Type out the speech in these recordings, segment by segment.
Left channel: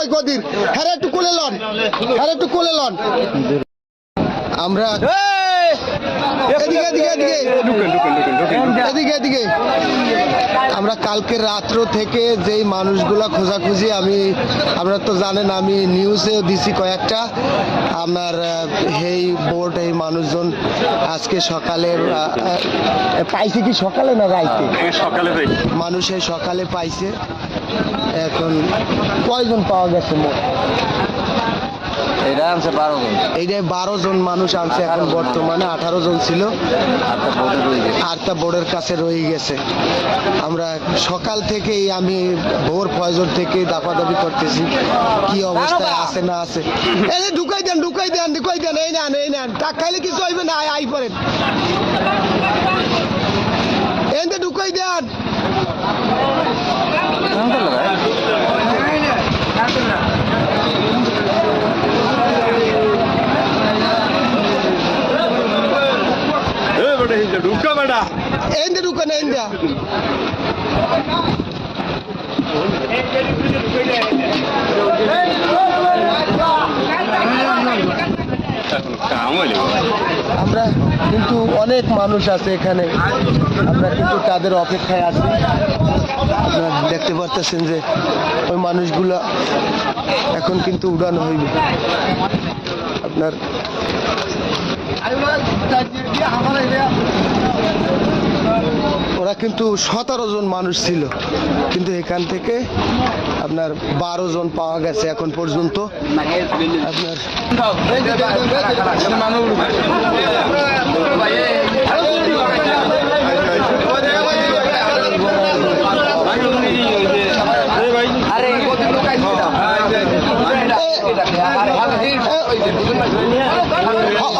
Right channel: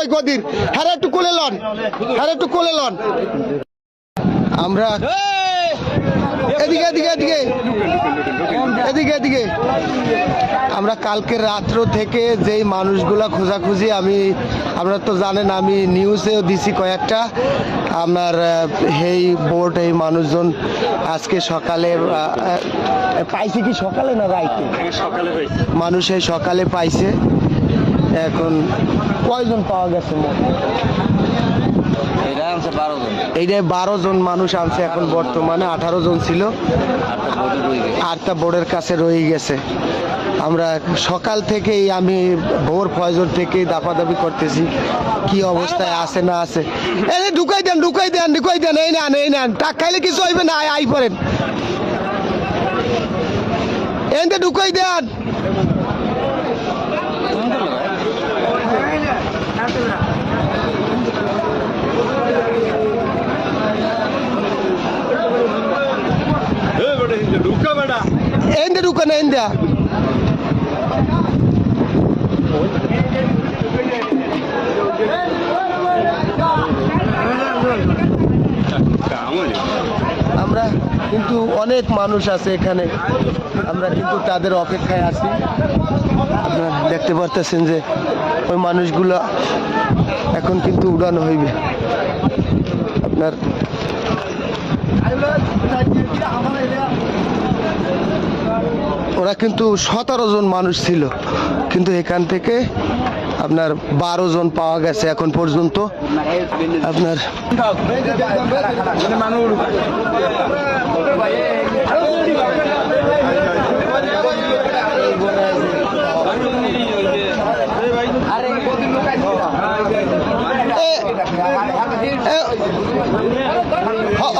কই গদির হ্যাঁ একটু কোলে লন, হ্যাঁ একটু কোলে লন। আমরা এদিকে এদিকে এদিকে এদিকে এদিকে আমরা কালকে রাত্র থেকে যেই মানুষগুলা খোঁজাখুঁজি, আপনারা তো জানেন আমি নিউজেও দিছি কয়েকটা, আপনার এই বোট এই মানুষজন আজকে সকালে পাইছে, কি সকালে না রাইতে সকালে মানুষ এই সকালে পাইছে। এখন কয়জন পাওয়া গেছে মোট? এটা আনছে 12 জন, এইটা 12 জন মানুষ আনছে এখন বর্তমানে, 18 জন ছিল, 8টা বোটে রয়ে গেছে, 8টা বোর্ডের কাছে রয়ে গেছে। আমরা সকাল থেকেই আমি ভোর ফজর থেকে দাপাদাপি করতেছি কি অবস্থায় আছে না আছে। এই ঢুকাই দেন ঢুকাই দেন ঢুকাই দেন, এই নেন এই নেন, টাক খাইলে কিছু হইবে না, আই পড়েন এই ঢুকাই দেন। Ende du kan ende. আমরা কিন্তু অনেক মানুষ আছে এখানে, আমরা কিন্তু তাদের অপেক্ষায় আছি। আপনারা দেখতে পাচ্ছেন যে ওই মানুষগুলো এখন কিন্তু উড়ানো হইবে। আপনার ওরা কিন্তু 17 জন মানুষ ছিল, কিন্তু এখান থেকে আপনার 12 জন পাওয়া গেছে এখন পর্যন্ত। আপনার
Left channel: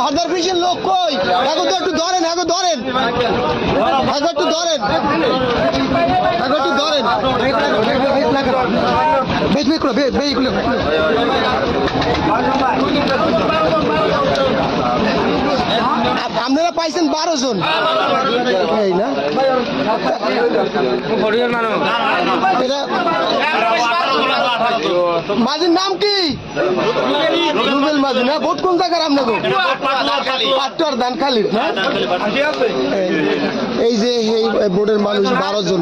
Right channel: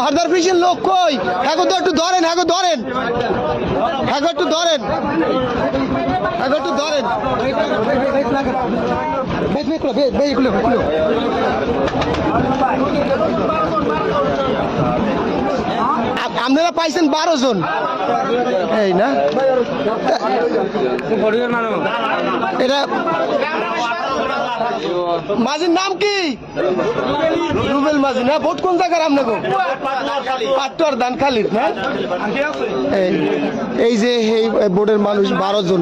হাজার পিসের লোক কই, এখন তো একটু ধরেন, এখন ধরেন, এখন একটু ধরেন, এখন একটু ধরেন, আপনারা পাইছেন 12 জন, এই না এটা মাঝির নাম কি? রুবেল মাঝি না? ভোট কোন জায়গার আপনাকে? পাটুয়ার ধানখালির না? এই যে এই বোর্ডের মানুষ 12 জন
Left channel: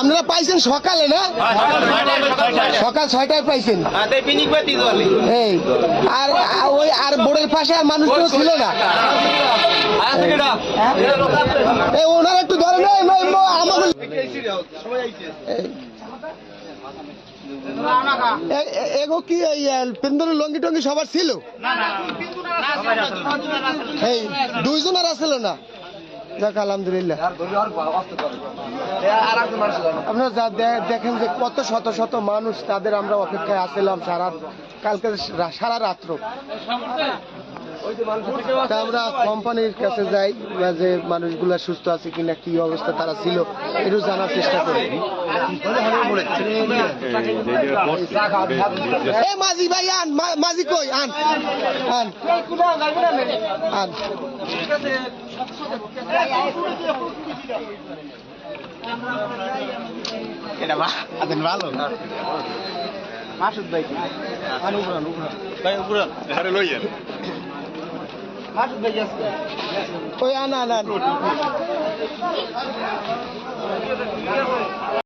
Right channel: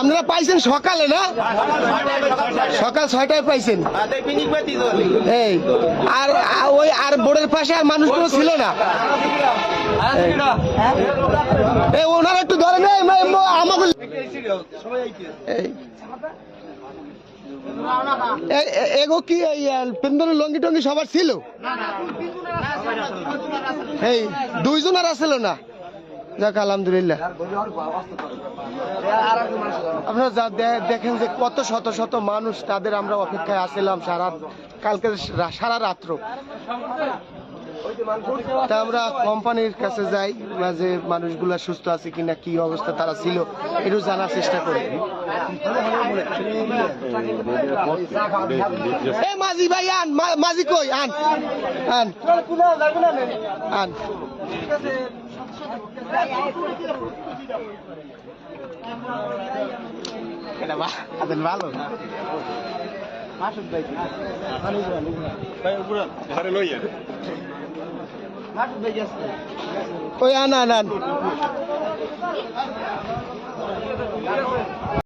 আপনারা পাইছেন সকালে না? সকাল 6টায় পাইছেন। এই আর ওই আর বোর্ডের পাশে আর মানুষগুলো ছিল না? এই ওনারা একটু ধরেন আমাদের এগো কি পেন্দর লঙ্গি টঙ্গি সবার ছিল? এই 2 জন আর আসছিল না? যাক আলহামদুলিল্লাহ। আপনারা যা দেখেন যে কত শত শত মানুষ, তাদের আমরা অপেক্ষায় আসছিলাম কালকে সারা রাত্র। তা আমরা কোম্পানির কাছে যাই, যে মানুষগুলা সুস্থ আছে কিনা, কি অবস্থা তারা ছিল একটু জানার চেষ্টা করি। মাঝি ভাই আন, মাঝি কই আন আন আন। এটা ভালো মাসুদ ভাই, ওই আন আন আন।